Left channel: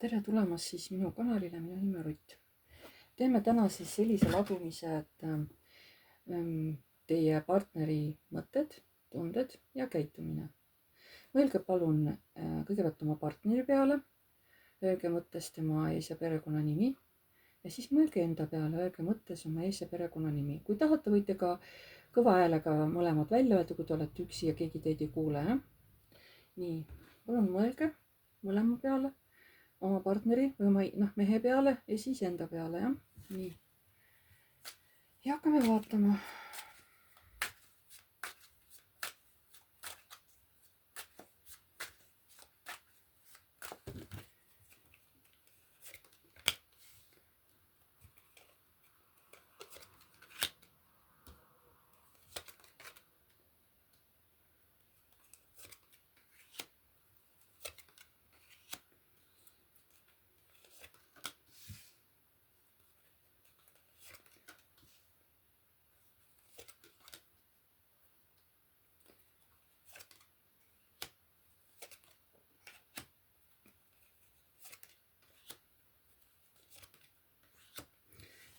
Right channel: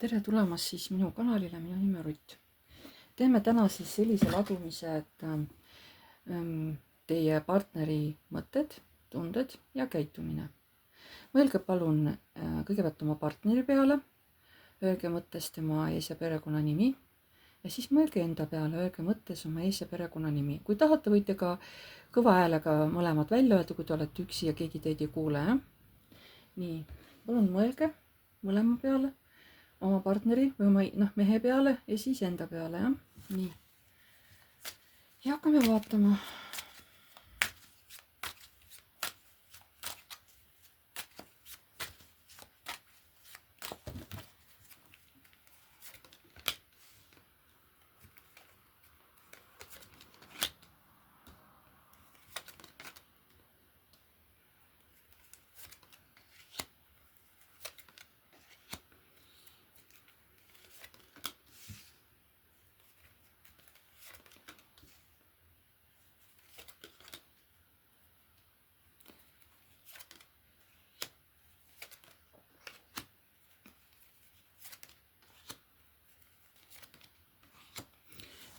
Tere tulemast siis minu kanalile, minu nimi on Rutt. Teeme täna siis sellise ladumise, et teie partneri mõtted, tunded ja käitumine. Mõelge palun kõigepealt oma partneri peale, öelge mõttes tema ees- ja perekonnanimi ja siis mõelge enda peale, öelge mõttes oma ees- ja perekonnanimi. Kui tahate, võite ka kõva häälega mõlemad välja öelda, kui te olete üksi ja keegi teid ei kuule. Nii, palun mõelge mõlema peale, oma partneri või oma mehe peale ja siis enda peale, jah. Nii. Ja hakkame vaatama.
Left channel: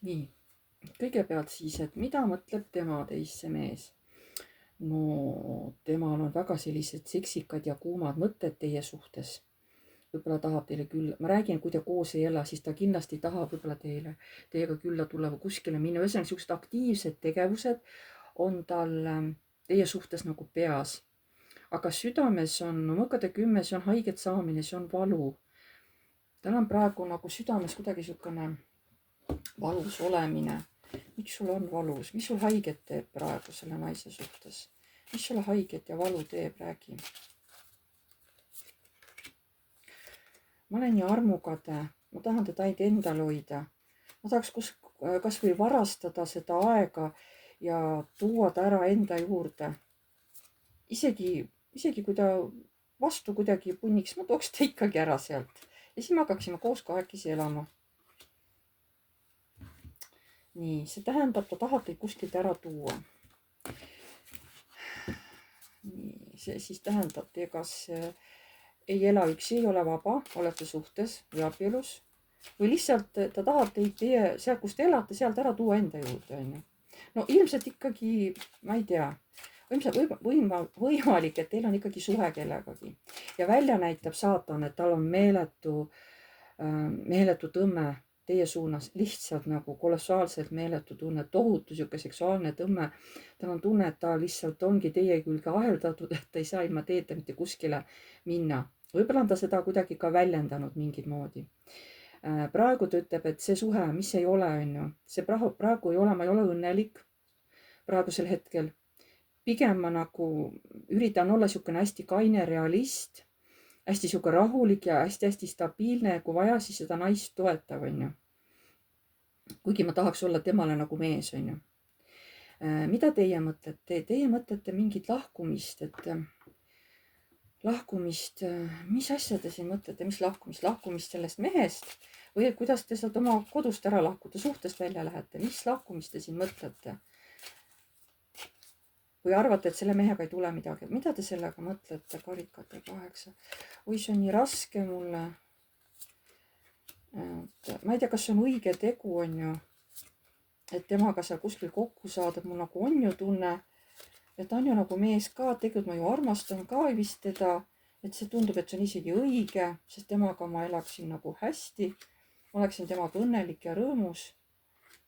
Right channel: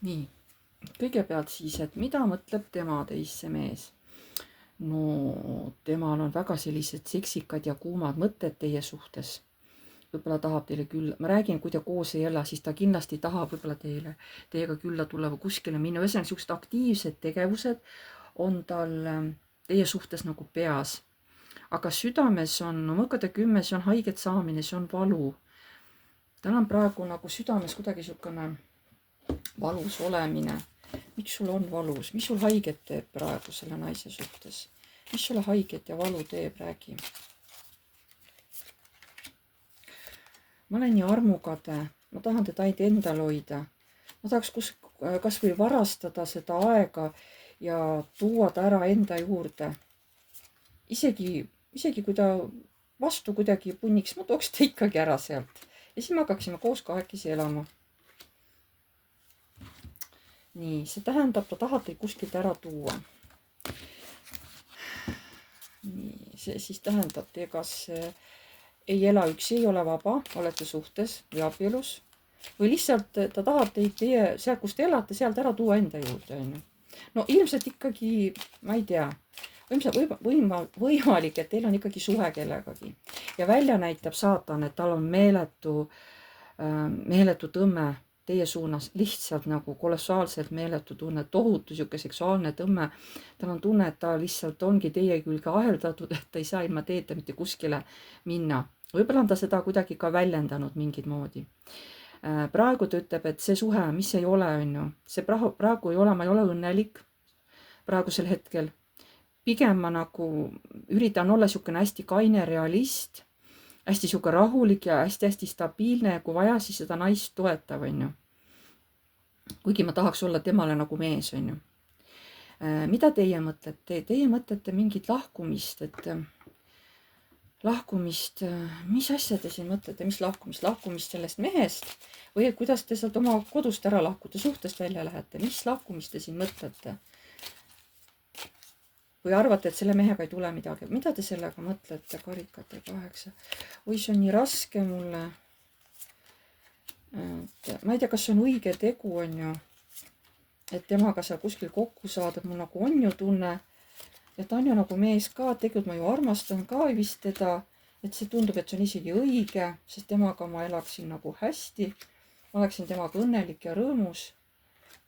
Nii, kõigepealt siis, et mida mõtleb tema teisse mees? No temal on väga sellised seksikad ja kuumad mõtted teie suhtes. Võib-olla tahab teile küll, ma räägin, kui te koos ei ela, siis ta kindlasti tahab võib-olla teiega külla tulla või kuskile minna. Ühesõnaga, niisugused aktiivsed tegevused on tal teie suhtes nagu peas. Aga südames on, no mõõkade 10, see on haiget saamine, see on valu. Tal on praegu nagu südames kuidagi niisugune valus olemine. Miks sul on valus? Mis sul haiget teeb praegu selle naise suhtes? Mis sulle haiget ja valu teeb, räägi. Ma olen nii armukade, ma tahan teda ainult endal hoida. Ma tahaks kas või varastada seda aega ja tuua ta ära enda juurde. Isegi kui ta vastu kuidagi punniks, ma tooks ta ikkagi ära sealt. Ja siis me hakkaksime koos kahekesi elama. Nii, see tähendab, ta tahab teid kuskilt ära tuua. Nii, see siis tähendab, te kas ei ela üksi, ei ole vaba, olete suhtes või abielus. Või lihtsalt ta tahab teid sealt, kus te elate, sealt ära tuua enda juurde. No ilmselt ikkagi, ma ei tea, võimalik, et teil on ikkagi suhe kellegagi. Ja välja näitab saatan, et tal on meeletu tõmme teie suunas, lihtsalt nagu kolossaalselt meeletu tunne, tohutu sihuke seksuaalne tõmme. Tal on tunne, et ta lihtsalt ongi teie külge aheldatud, et ta ei saa ilma teeta mitte kuskile minna. Võib-olla on ta seda kuidagi ka väljendanud mingit moodi. Praegu ta ütleb, et see suhe, mis ei ole, see praegu ei ole, ma ei ole õnnelik praegusel hetkel. Pigem ma nagu üritan olla niisugune hästi kaine realist, hästi niisugune rahulik ja hästi stabiilne, kui vaja, siis seda naist toetav, Kuigi ma tahaks olla temale nagu mees, Mida teie mõtlete? Teie mõtlete mingit lahkumist, lahkumist, mis asja te siin mõtlete, mis lahkumist? Lahkumist sellest mehest või kuidas te sealt oma kodust ära lahkute, suhtest välja lähete? Mis lahkumist te siin mõtlete? Või arvate, et selle mehega ei tule midagi? Mida te sellega mõtlete? Karikate 8. Oi, see on nii raske mulle. Ma ei tea, kas see on õige tegu, et temaga seal kuskil kokku saada. Mul nagu on ju tunne, et ta on ju nagu mees ka. Tegelikult ma ju armastan ka vist teda. Et see tundub, et see on isegi õige, sest temaga ma elaksin nagu hästi. Ma oleksin temaga õnnelik ja rõõmus.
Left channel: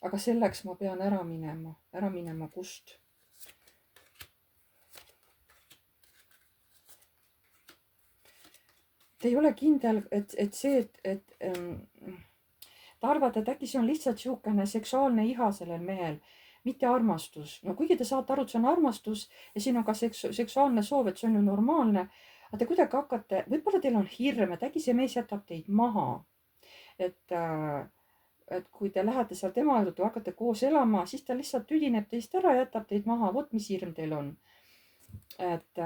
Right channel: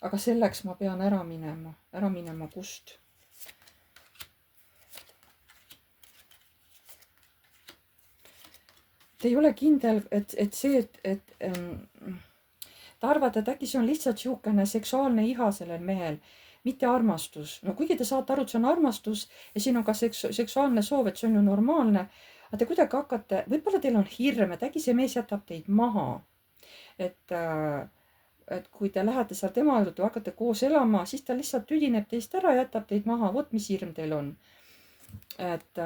Aga selleks ma pean ära minema. Ära minema kust? Te ei ole kindel, et ta arvate, et äkki see on lihtsalt niisugune seksuaalne iha sellel mehel, mitte armastus. No kuigi te saate aru, et see on armastus ja siin on ka seksuaalne soov, et see on ju normaalne. Aga te kuidagi hakkate, võib-olla teil on hirm, et äkki see mees jätab teid maha. Et kui te lähete seal tema juurde, hakkate koos elama, siis ta lihtsalt tüdineb teist ära, jätab teid maha. Vot mis hirm teil on. Et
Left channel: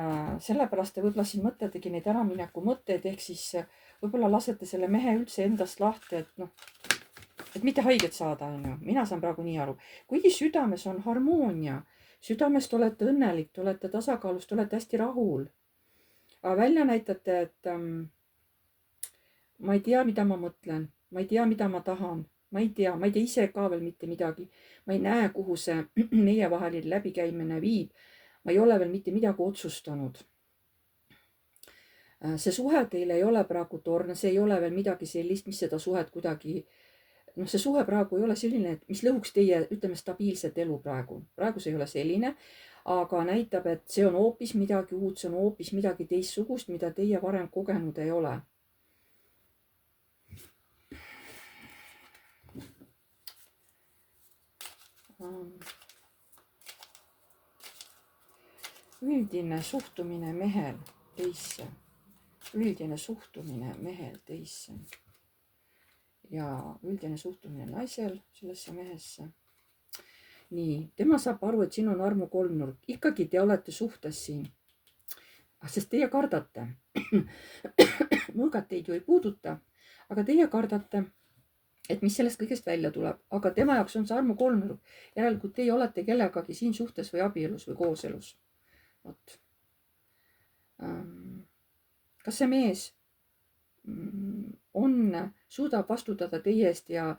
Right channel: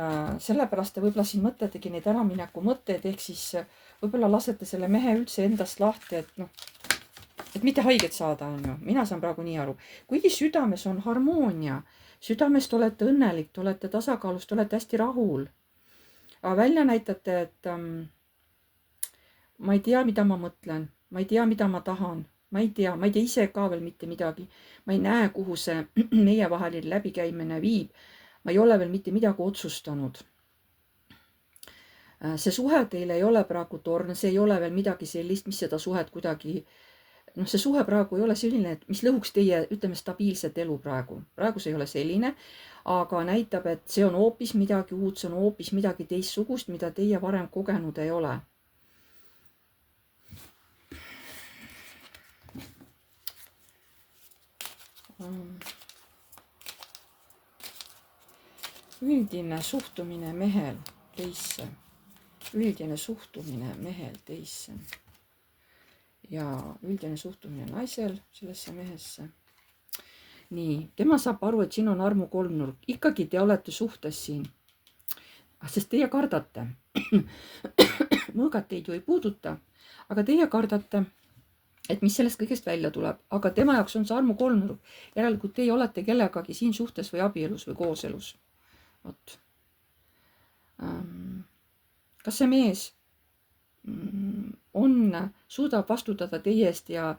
sellepärast te võib-olla siin mõtletegi neid äramineku mõtteid, ehk siis võib-olla lasete selle mehe üldse endast lahti, et mitte haiget saada, Mina saan praegu nii aru. Kuigi südames on harmoonia, südames te olete õnnelik, te olete tasakaalus, te olete hästi rahul. Aga välja näitate, et ma ei tea, mida ma mõtlen, ma ei tea, mida ma tahan, ma ei tea ise ka veel mitte midagi. ma ei näe, kuhu see meievaheline läbikäimine viib. ma ei ole veel mitte midagi otsustanud. see suhe teil ei ole praegu torn, see ei ole veel midagi sellist, mis seda suhet kuidagi, see suhe praegu ei ole selline, et mis lõhuks teie, ütleme, stabiilset elu praegu. praegu see ei ole selline, aga näitab, et see on hoopis midagi uut, see on hoopis midagi teistsugust, mida teie varem kogenud ei ole. üldine suhtumine mehel teisse, üldine suhtumine mehel teisse ja üldine suhtumine naisel sellesse mehesse. nii, tema saab aru, et siin on armu kolmnurk, ikkagi te olete suhtes siin, sest teie kardate. mõõgad teid ju ei puuduta, aga teie kardate, et mis sellest kõigest välja tuleb, aga tema jaoks on see armu kolmnurk. järelikult teie olete kellegagi siin suhtes või abielus või kooselus. vot. kas see mees suudab vastutada teie eest ja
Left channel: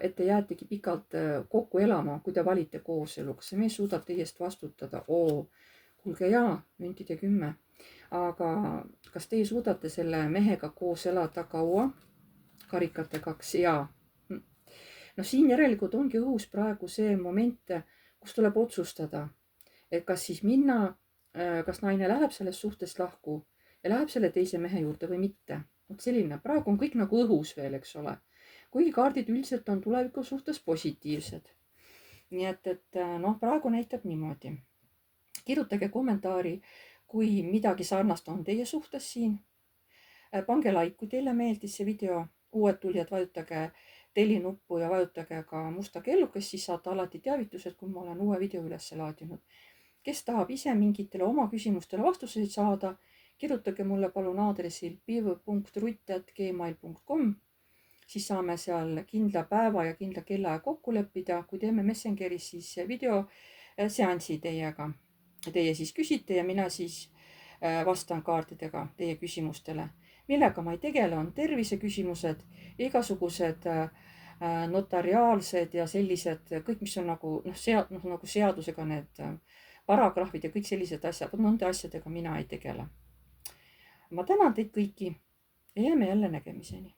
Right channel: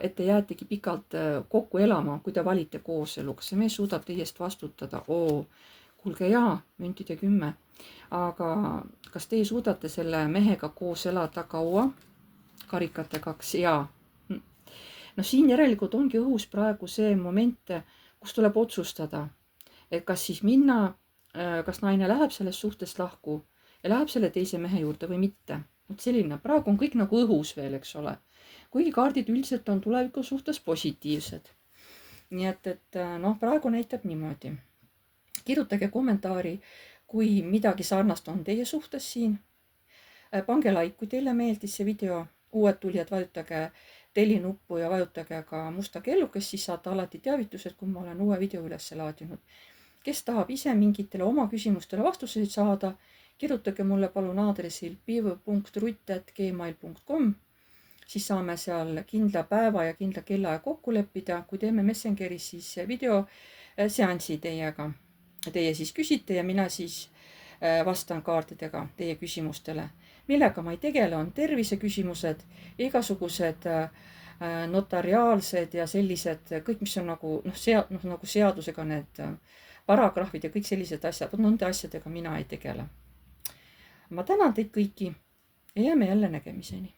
et te jäätegi pikalt kokku elama, kui te valite kooselu, kas see mees suudab teie eest vastutada? Kuulge jaa, müntide 10. aga kas teie suudate selle mehega koos elada kaua? karikate 2, jaa. no siin järelikult ongi õhus praegu see moment, kus tuleb otsustada, et kas siis minna, kas naine läheb sellest suhtest lahku ja läheb selle teise mehe juurde või mitte. et selline, praegu on kõik nagu õhus veel, eks ole. kuigi kaardid üldiselt on tuleviku suhtes positiivsed. nii et praegu näitab niimoodi. kirjutage kommentaari, kui midagi sarnast on teie suhtes siin. pange like, kui teile meeldis see video. uued tulijad, vajutage tellinuppu ja vajutage ka musta kellukest, siis saate alati teavitused, kui ma olen uue video üles laadinud. kes tahab ise mingitele oma küsimustele vastuseid saada, kirjutage mulle palun aadressil piiv.rutt@gmail.com, siis saame seal kindla päeva ja kindla kellaaja kokku leppida, kui teeme Messengeris siis video seansi teiega. Teie siis küsite ja mina siis vastan kaartidega teie küsimustele. millega ma ei tegele, on terviseküsimused, igasugused notariaalsed ja sellised kõik, mis on nagu nagu seadusega need paragrahvid ja kõik sellised asjad, nende asjadega mina ei tegele. ma tänan teid kõiki ja jääme jälle nägemiseni.